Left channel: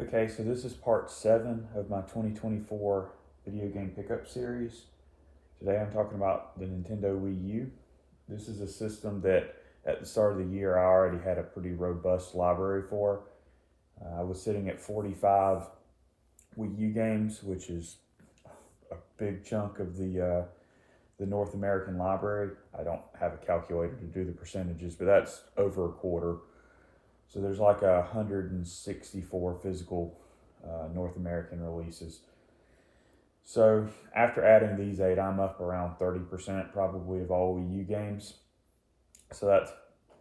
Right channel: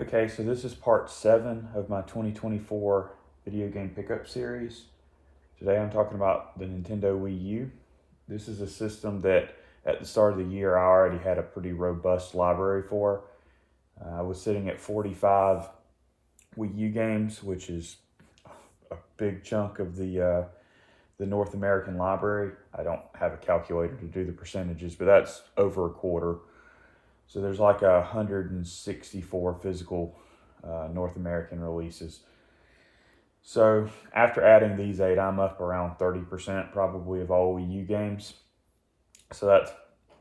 Okay, so this is part 7 of my 2024 video game pickup series. Today I'm talking about the Nintendo Wii U. This is a system that at the start of the year I already had a pretty robust library for. I was sitting at 45 Wii U games, which is a big chunk of the North American library. I don't have a calculator to do the percentages, but that's over a quarter. So there's like 164 physical North American releases. So after adding these 8, I'm up around 30% probably of all Wii U games. So that's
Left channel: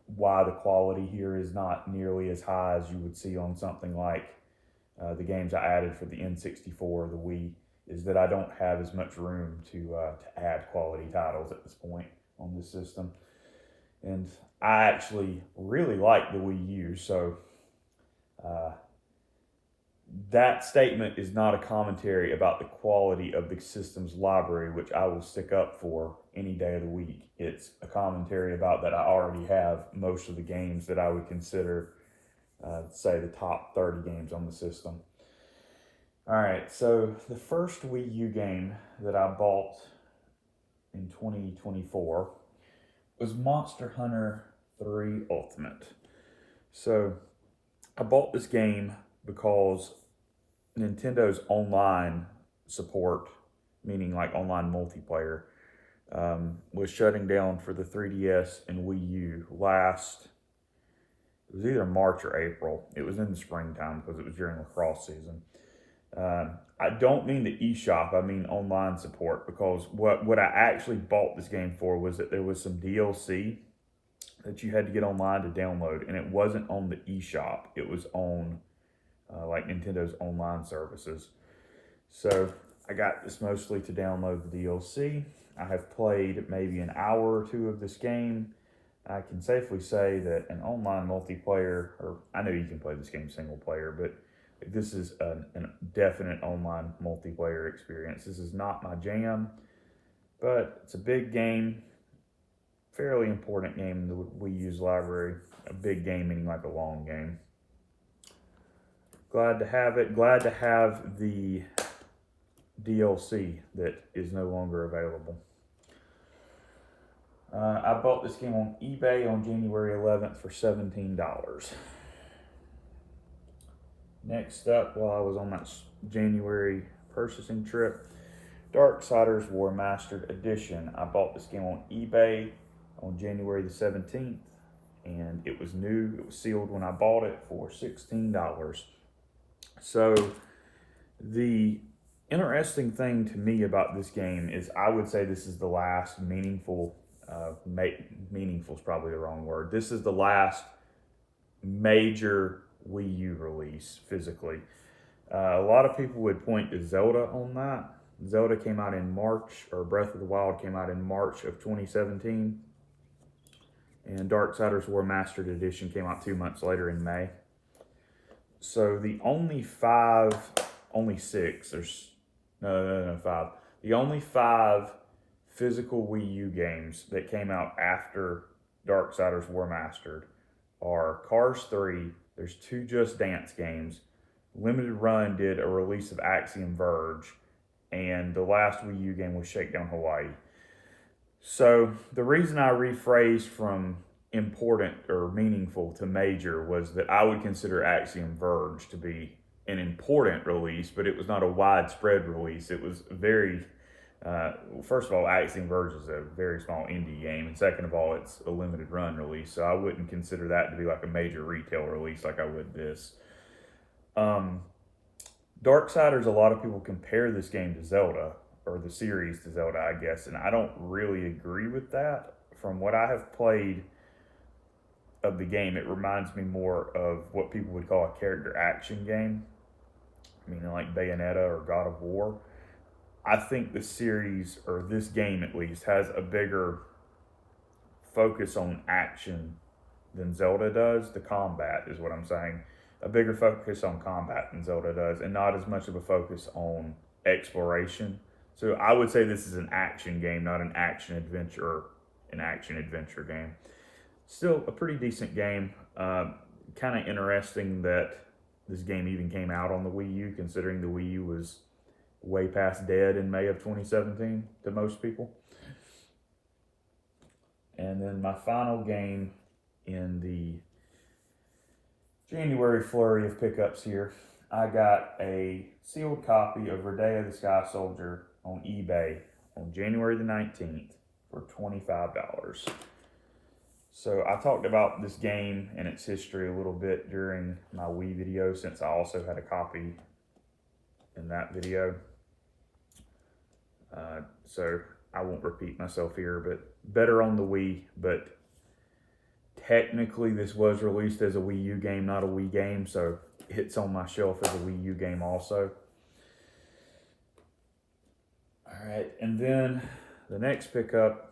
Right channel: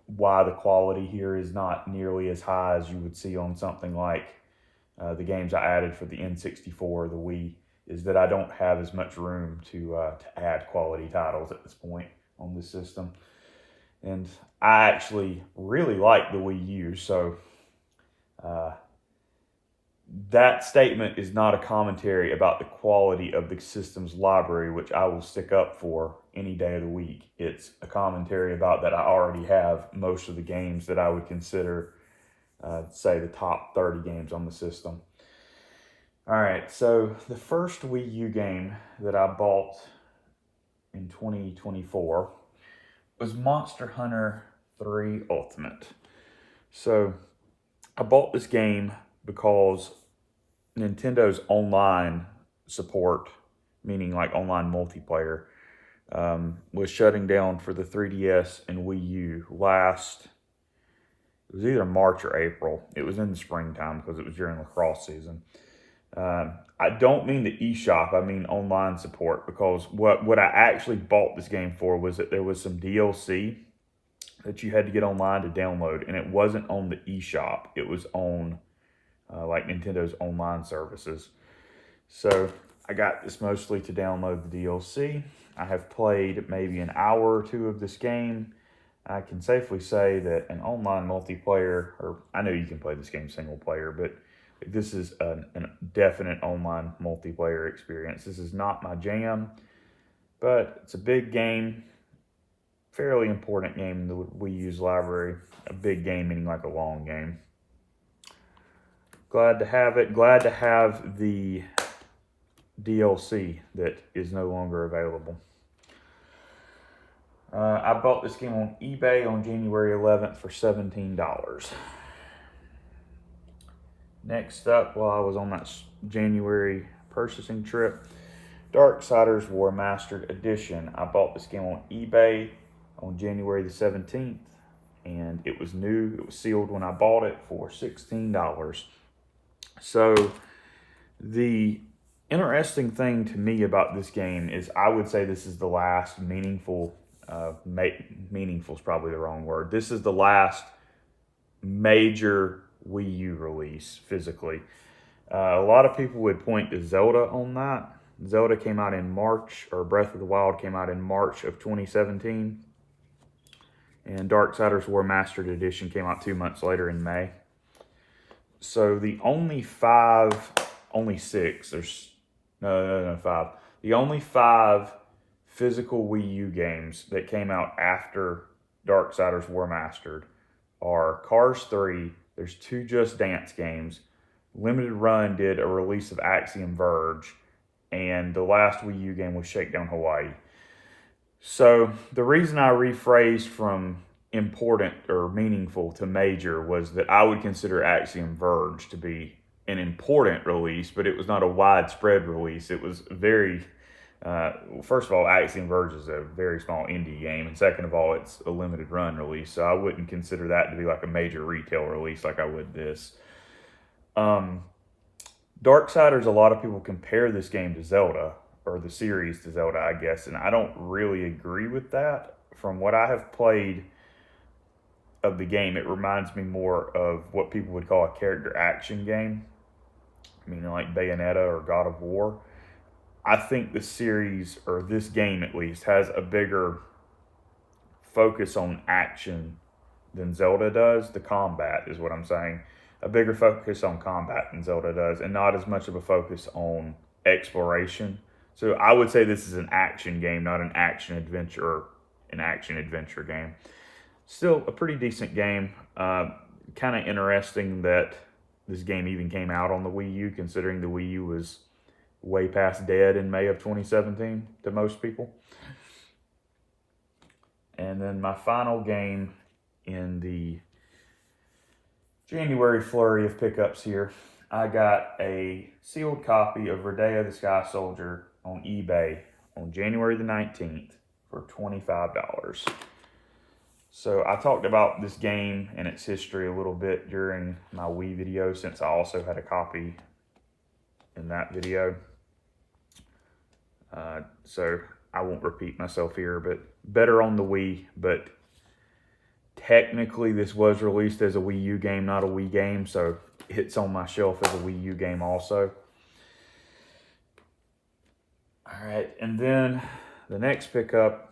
why the quality here is not nearly as high as you would see on something like the games I added for the N64 or the Wii, is that I don't have as much room to add quality titles at this point on this system. And I actually really like the Wii U, so uh, that statement is not a commentary about the quality of the system's library, which I will stick up for any day of the week. It's a commentary about that I already have most of the games that I would consider, say, the top 30 games on the system. All right, so the first Wii U game that I bought in 2024 was Monster Hunter 3 Ultimate. So I bought this game because Nintendo's online support, meaning like online multiplayer, was shutting down for the 3DS and Wii U it was either March or April. It was in the springtime because it was during lacrosse season. I don't mean the eShop, I mean online support, because what I actually bought this game for was that there was some DLC that you had to get online to download, and it wasn't on the eShop. It was on like Nintendo's online services. So I got this mostly to download the DLC. I have played maybe an hour or two of this game. I can safely say that an online multiplayer, or I know you can play this game single player, but this is a definite online multiplayer experience. This is not my jam, but it's a big game, fairly important game in the Wii U's library. A big game meaning like a long game. Glad to have it. Glad to have the DLC that is no longer available. I bought this game on eBay on January 11th for $17. Next up, while I was on that January purchasing trip, Darksiders War Mastered Edition. I bought this game on eBay on January the 17th, and it was new. It was sealed when I bought it for $16. So the interesting thing to me about this game is I would say this is the last meaningful, meaningful is probably the wrong word. This is the last major Wii U release physically. A lot of people would point to Zelda on that. Zelda came out in March, or Breath of the Wild came out in March of 2017. And Darksiders War Mastered Edition came out 2 months later in May. So the only six, there's, no, five. The only 5 physical Wii U games that came out after Darksiders War Mastered are Cars 3, there's 2 Just Dance games, Limited Run did a release of Axiom Verge, and the last Wii U game was Shakedown Hawaii. So the reason I rephrased from important or meaningful to major was that I would consider Axiom Verge to be an important release, but it was not a widespread release. It was very, first of all, Axiom Verge is a very small indie game, and second of all, it's a limited run release, so I wouldn't consider that to be like a major retail release like I would this. Darksiders, a lot of people compare this game to Zelda, or the series to Zelda, I guess, and I don't really agree with that. From what I have played of the game, it reminds me more of what people would call a character action game, meaning like Bayonetta or God of War. I think the series, or this game at least, has a bigger focus on action than Zelda does. The combat is what I'm saying. A bigger focus on combat than Zelda does, and not as much of a focus on exploration. So I would say this is an action game, not an action adventure game. Still a pretty decent game. Kind of interesting that this game even came out on the Wii U, considering the Wii U was way past dead in May of 2017 to most people. And then my final game in the January flurry of pickups here, I got a sealed copy of Rodea the Sky Soldier on eBay on January the 19th for $25. So I talked about this game and its history a little bit during my Wii video, since I also had a copy in that video. So I won't repeat myself here, but better on the Wii. But technically this was released as a Wii U game, not a Wii game, so it's on my shelf as a Wii U game also. All right, and then the next pickup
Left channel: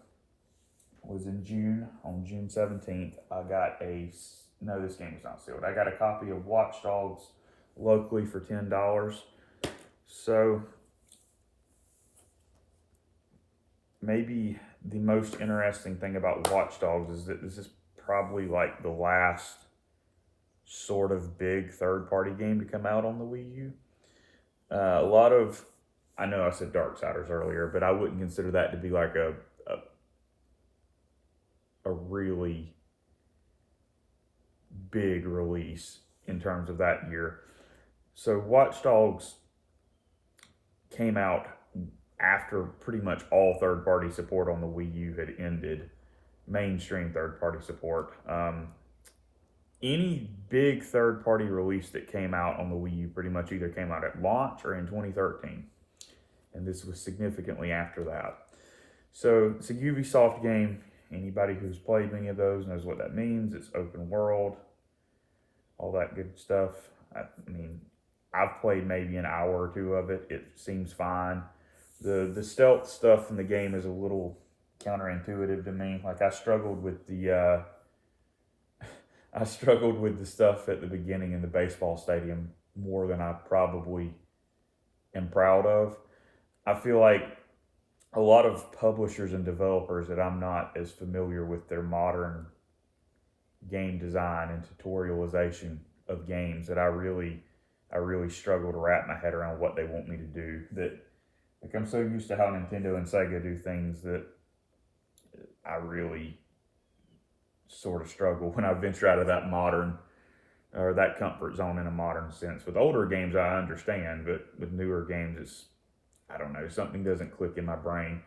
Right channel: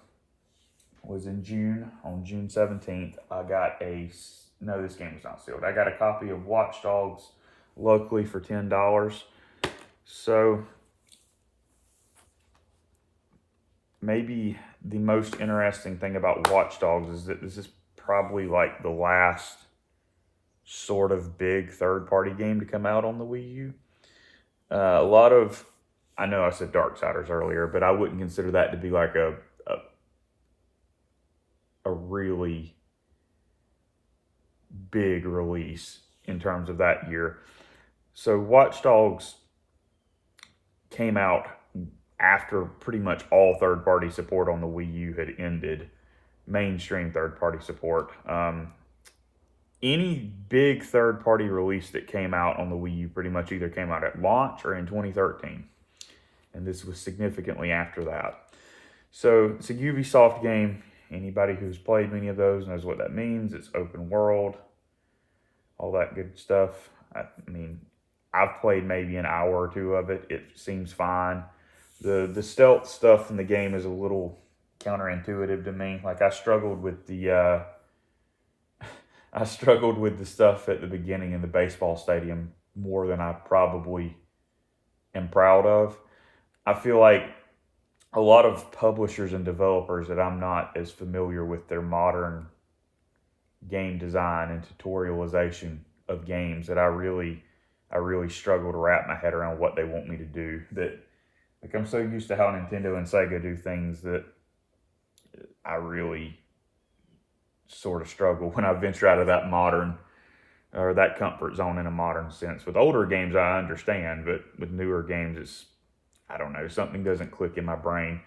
was in June, on June 17th. I got no, this game was not sealed. I got a copy of Watch Dogs locally for $10. So maybe the most interesting thing about Watch Dogs is that this is probably like the last sort of big third-party game to come out on the Wii U. A lot of, I know I said Darksiders earlier, but I wouldn't consider that to be like a really big release in terms of that year. So Watch Dogs came out after pretty much all third-party support on the Wii U had ended, mainstream third-party support. Any big third-party release that came out on the Wii U pretty much either came out at launch or in 2013. And this was significantly after that. So it's a Ubisoft game. Anybody who's played many of those knows what that means. It's open world, all that good stuff. I mean, I've played maybe an hour or two of it. It seems fine. The stealth stuff in the game is a little counterintuitive to me. Like I struggled with the stuff at the beginning in the baseball stadium more than I probably am proud of. I feel like a lot of publishers and developers that I'm not as familiar with their modern game design and tutorialization of games, that I really struggle to wrap my head around what they want me to do. That, like, I'm so used to how Nintendo and Sega do things that I really sort of struggle when I venture out of that modern, or that comfort zone in a modern sense. With older games, I understand, but with newer games, it's, I don't know, something doesn't click in my brain.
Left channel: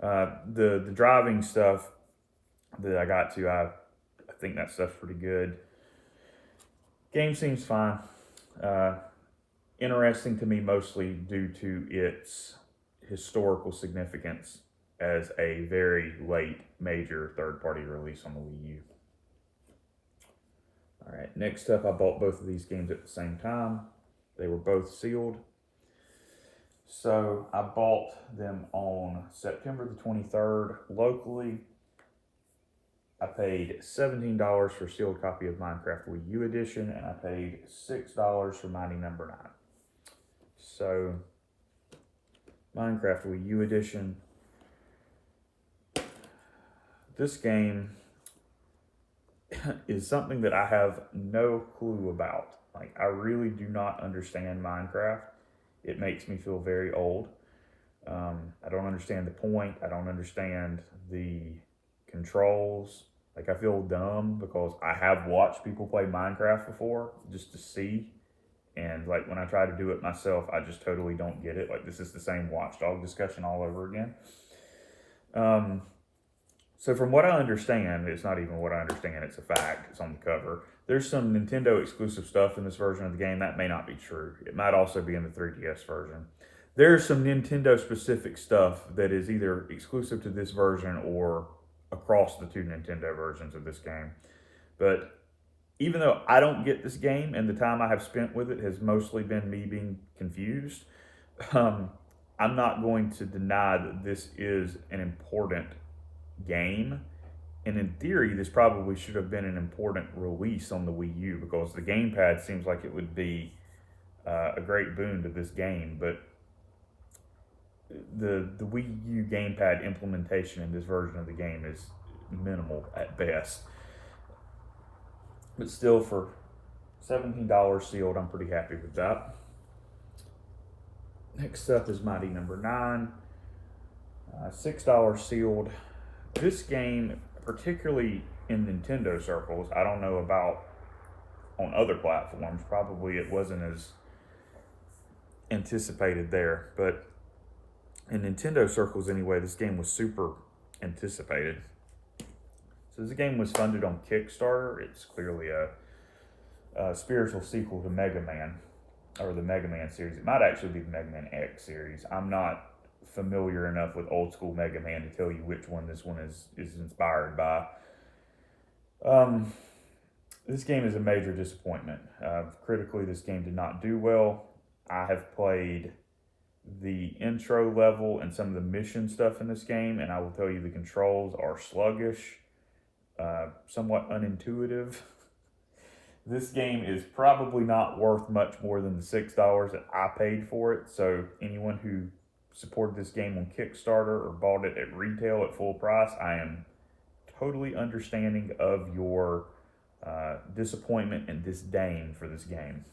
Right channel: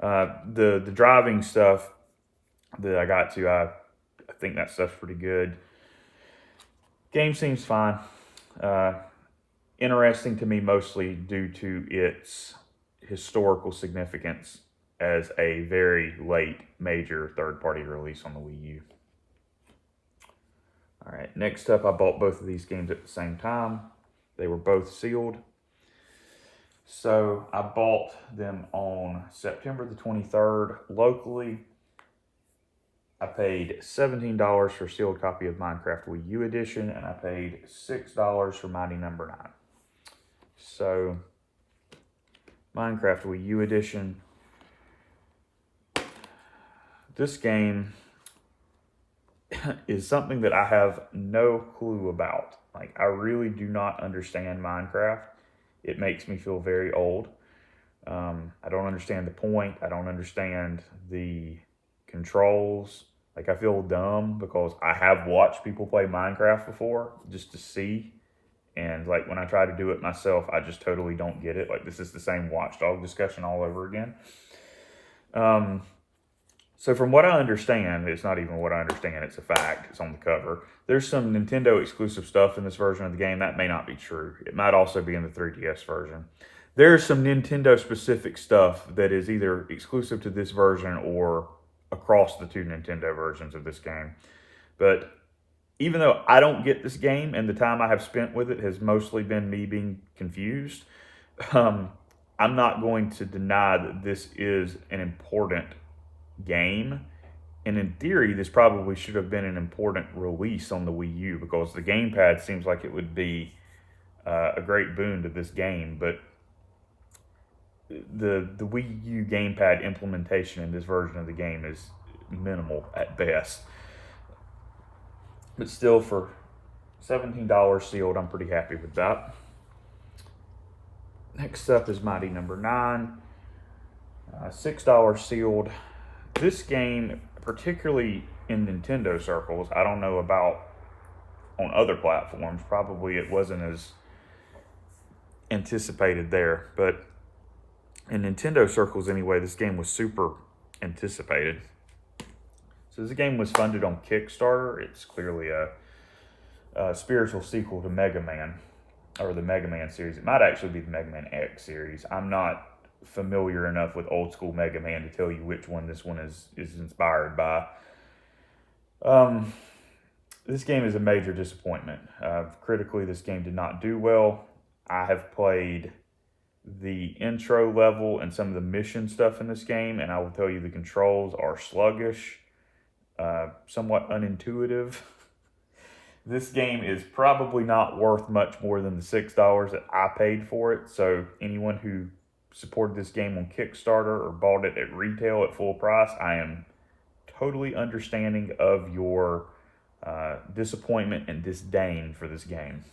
The driving stuff that I got to, I think that stuff's pretty good. Game seems fine. Interesting to me mostly due to its historical significance as a very late major third-party release on the Wii U. All right, next up, I bought both of these games at the same time. They were both sealed. So I bought them on September the 23rd locally. I paid $17 for a sealed copy of Minecraft Wii U Edition, and I paid $6 for Mighty Number 9. So, Minecraft Wii U Edition. This game is something that I have no clue about. Like, I really do not understand Minecraft. It makes me feel very old. I don't understand the point. I don't understand the controls. Like, I feel dumb because I have watched people play Minecraft before just to see. And, like, when I try to do it myself, I just totally don't get it. Like, this is the same Watch Dogs discussion all over again. So from what I understand, it's not even what I understand, it's a fact, it's on the cover. There's some Nintendo exclusive stuff in this version of the game. That may not be true. It might also be in the 3DS version. There's some Nintendo specific stuff that is either exclusive to this version or across the two Nintendo versions of this game. But even though I don't get this game and the time I have spent with it has mostly been me being confused, I'm not going to deny that this is an important game. And in theory, this probably should have been an important release on the Wii U because the gamepad seems like it would be a great boon to this game. But the Wii U gamepad implementation in this version of the game is minimal at best. But still, for $17 sealed. I'm pretty happy with that. Next up is Mighty Number 9. $6 sealed. This game, particularly in Nintendo circles, I don't know about on other platforms. Probably it wasn't as anticipated there, but in Nintendo circles anyway, this game was super anticipated. So this game was funded on Kickstarter. It's clearly a spiritual sequel to Mega Man, or the Mega Man series. It might actually be the Mega Man X series. I'm not familiar enough with old school Mega Man to tell you which one this one is inspired by. This game is a major disappointment. Critically, this game did not do well. I have played the intro level and some of the mission stuff in this game, and I will tell you the controls are sluggish, somewhat unintuitive. This game is probably not worth much more than the $6 that I paid for it. So anyone who supported this game on Kickstarter or bought it at retail at full price, I am totally understanding of your disappointment and disdain for this game.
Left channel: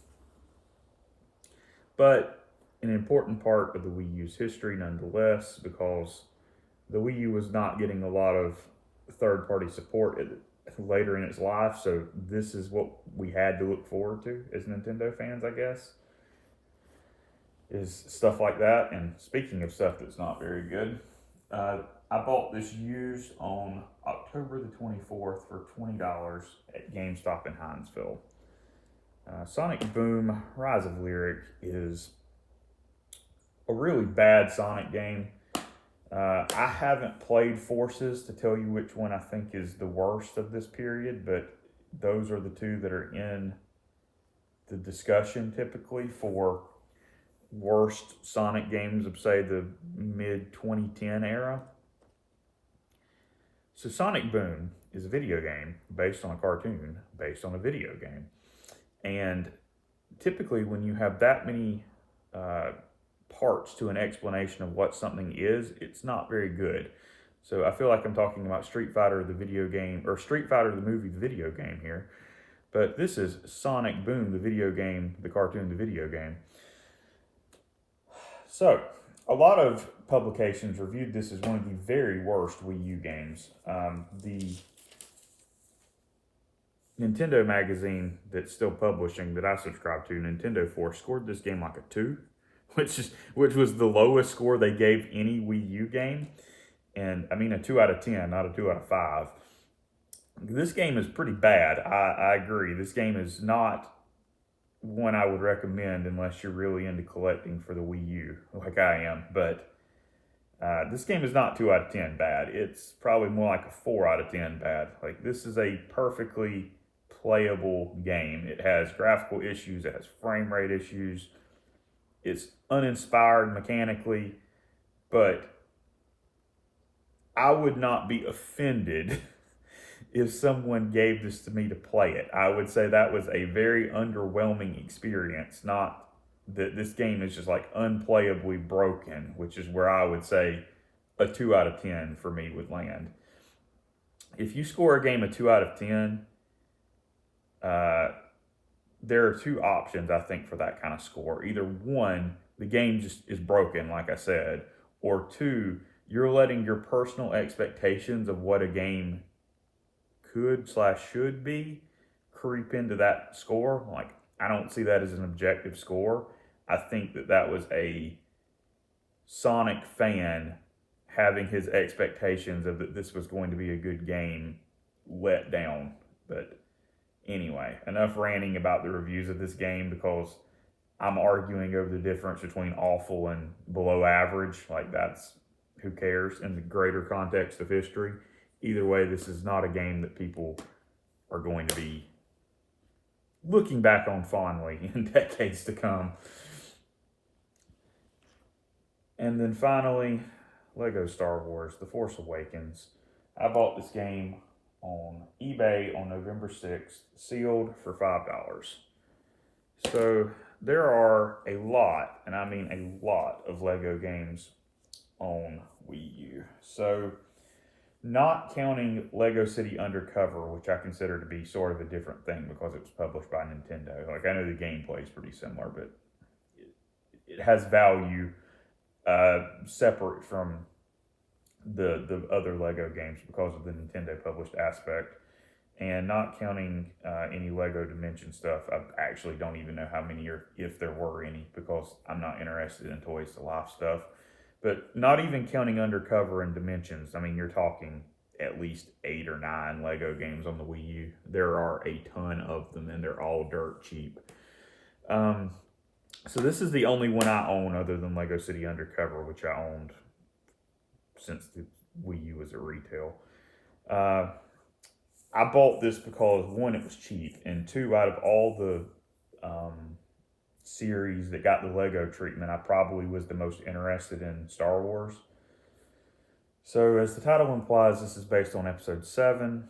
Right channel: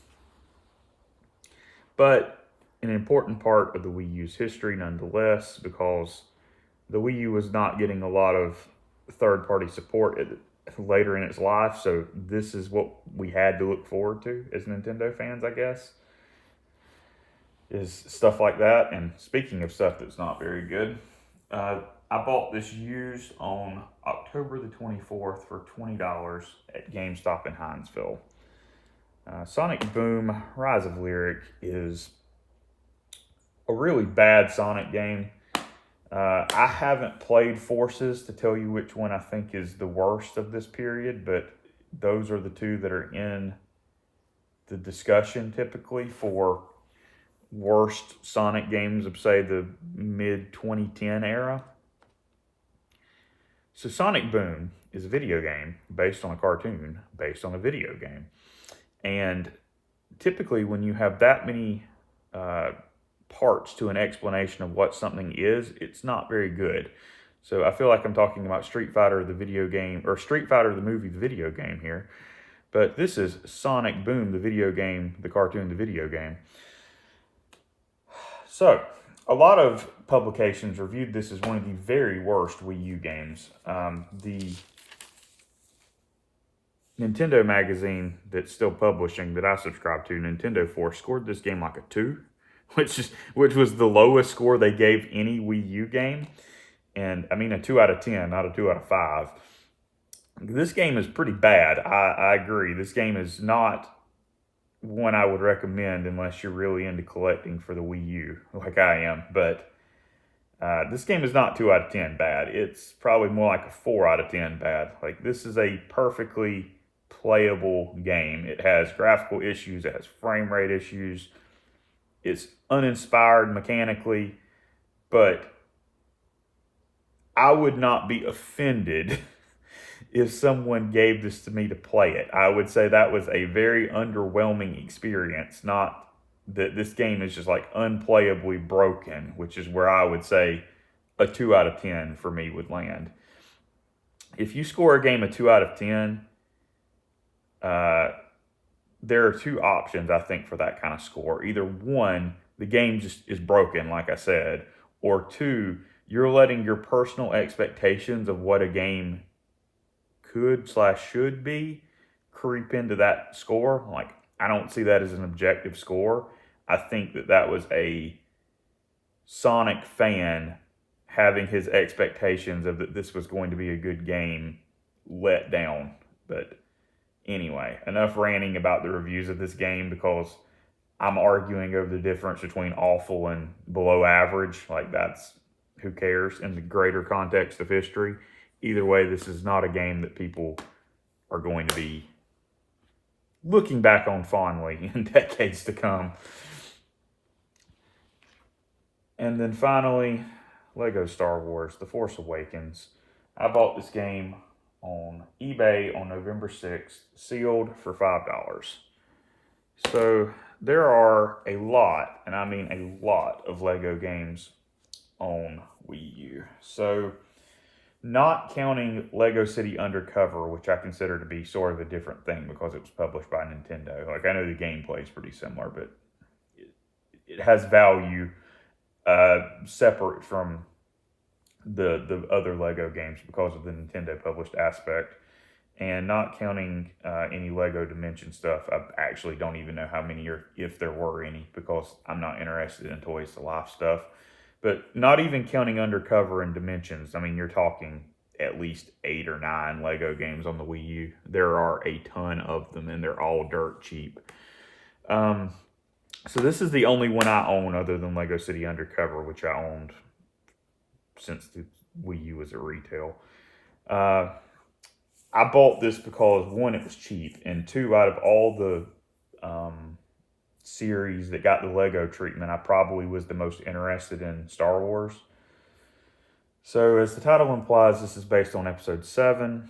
But an important part of the Wii U's history nonetheless, because the Wii U was not getting a lot of third-party support later in its life, so this is what we had to look forward to as Nintendo fans, I guess, is stuff like that. And speaking of stuff that's not very good, I bought this used on October the 24th for $20 at GameStop in Hinesville. Sonic Boom Rise of Lyric is a really bad Sonic game. I haven't played Forces to tell you which one I think is the worst of this period, but those are the two that are in the discussion typically for worst Sonic games of, say, the mid-2010 era. So Sonic Boom is a video game based on a cartoon, based on a video game. And typically when you have that many parts to an explanation of what something is, it's not very good. So I feel like I'm talking about Street Fighter the video game, or Street Fighter the movie, the video game here. But this is Sonic Boom, the video game, the cartoon, the video game. So a lot of publications reviewed this as one of the very worst Wii U games. The Nintendo magazine that's still publishing that I subscribe to, Nintendo Force, scored this game like a 2. Which was the lowest score they gave any Wii U game. And I mean a 2 out of 10, not a 2 out of 5. This game is pretty bad. I agree. This game is not one I would recommend unless you're really into collecting for the Wii U, like I am. But this game is not 2 out of 10 bad. It's probably more like a 4 out of 10 bad. Like, this is a perfectly playable game. It has graphical issues. It has frame rate issues. It's uninspired mechanically, but I would not be offended if someone gave this to me to play it. I would say that was a very underwhelming experience, not that this game is just like unplayably broken, which is where I would say a 2 out of 10 for me would land. If you score a game a 2 out of 10, there are two options, I think, for that kind of score. Either one, the game just is broken, like I said, or two, you're letting your personal expectations of what a game could/should be creep into that score. Like, I don't see that as an objective score. I think that was a Sonic fan having his expectations of that this was going to be a good game let down. But anyway, enough ranting about the reviews of this game, because I'm arguing over the difference between awful and below average. Like, that's, who cares in the greater context of history. Either way, this is not a game that people are going to be looking back on fondly in decades to come. And then finally, Lego Star Wars, The Force Awakens. I bought this game on eBay on November 6th, sealed for $5. So there are a lot, and I mean a lot, of Lego games on Wii U. So not counting Lego City Undercover, which I consider to be sort of a different thing because it was published by Nintendo. Like, I know the gameplay is pretty similar, but it has value separate from the other Lego games because of the Nintendo published aspect. And not counting any Lego Dimension stuff, I actually don't even know how many or if there were any because I'm not interested in Toys to Life stuff. But not even counting Undercover and Dimensions, I mean, you're talking at least 8 or 9 Lego games on the Wii U. There are a ton of them, and they're all dirt cheap. So this is the only one I own other than Lego City Undercover, which I owned since the Wii U was at retail. I bought this because, one, it was cheap, and two, out of all the series that got the Lego treatment, I probably was the most interested in Star Wars. So, as the title implies, this is based on Episode 7.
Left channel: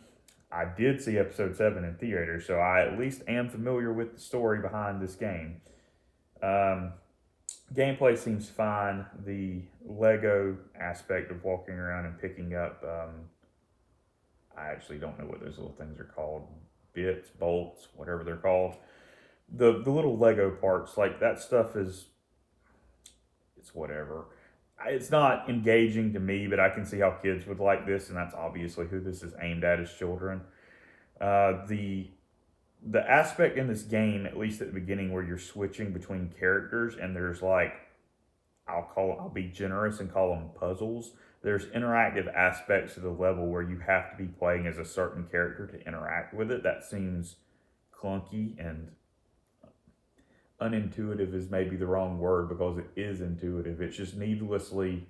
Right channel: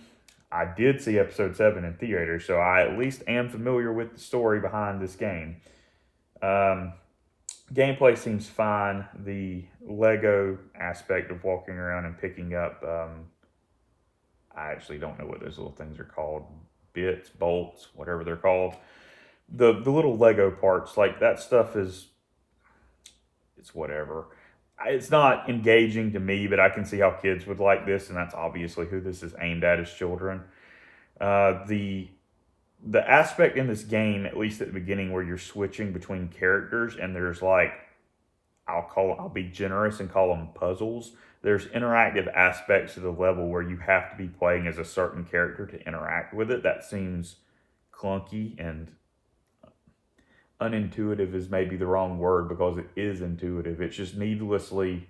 I did see Episode 7 in theaters, so I at least am familiar with the story behind this game. Gameplay seems fine. The Lego aspect of walking around and picking up... I actually don't know what those little things are called. Bits, bolts, whatever they're called. The little Lego parts, like that stuff it's whatever. It's not engaging to me, but I can see how kids would like this, and that's obviously who this is aimed at, is children. The aspect in this game, at least at the beginning, where you're switching between characters, and there's like, I'll be generous and call them puzzles. There's interactive aspects of the level where you have to be playing as a certain character to interact with it. That seems clunky, and unintuitive is maybe the wrong word because it is intuitive. It's just needlessly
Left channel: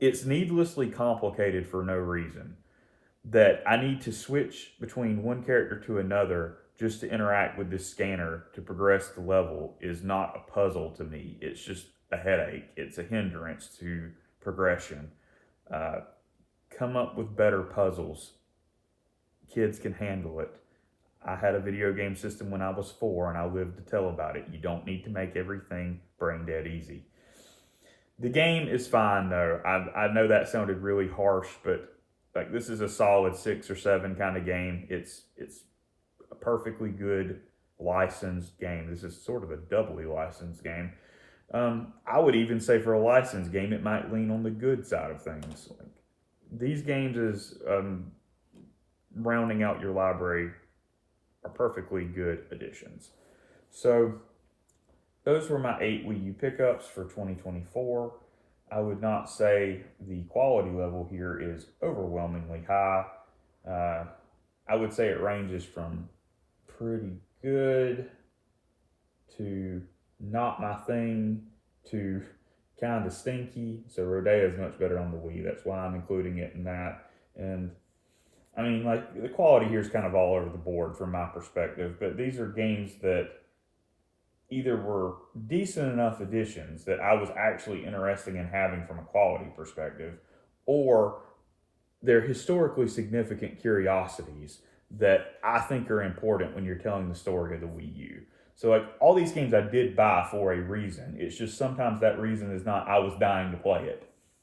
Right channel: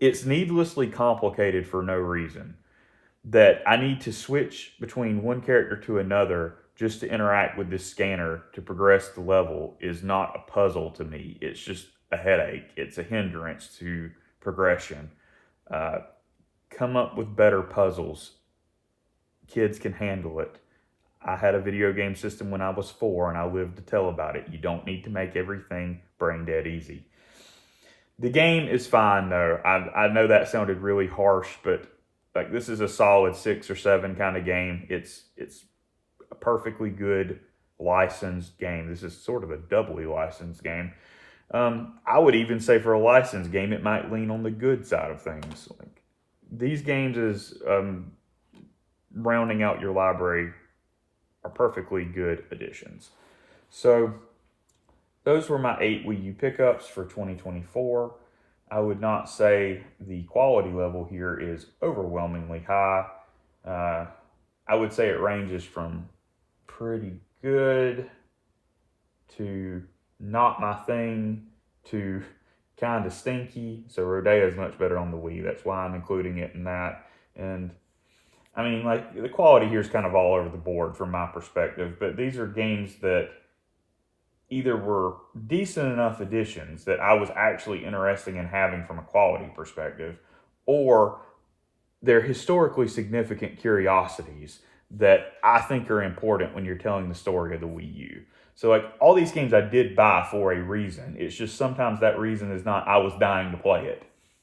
complicated for no reason. That I need to switch between one character to another just to interact with this scanner to progress the level is not a puzzle to me. It's just a headache. It's a hindrance to progression. Come up with better puzzles. Kids can handle it. I had a video game system when I was 4 and I lived to tell about it. You don't need to make everything brain dead easy. The game is fine though. I know that sounded really harsh, but like, this is a solid 6 or 7 kind of game. It's a perfectly good licensed game. This is sort of a doubly licensed game. I would even say for a licensed game, it might lean on the good side of things. Like, these games is rounding out your library are perfectly good additions. So those were my 8 Wii U pickups for 2024. I would not say the quality level here is overwhelmingly high. I would say it ranges from pretty good to not my thing to kind of stinky. So Rodeo is much better on the Wii. That's why I'm including it in that. And I mean, like, the quality here is kind of all over the board from my perspective, but these are games that either were decent enough additions that I was actually interested in having from a quality perspective, or they're historically significant curiosities that I think are important when you're telling the story of the Wii U. So, like, all these games I did buy for a reason. It's just sometimes that reason is not I was dying to play it.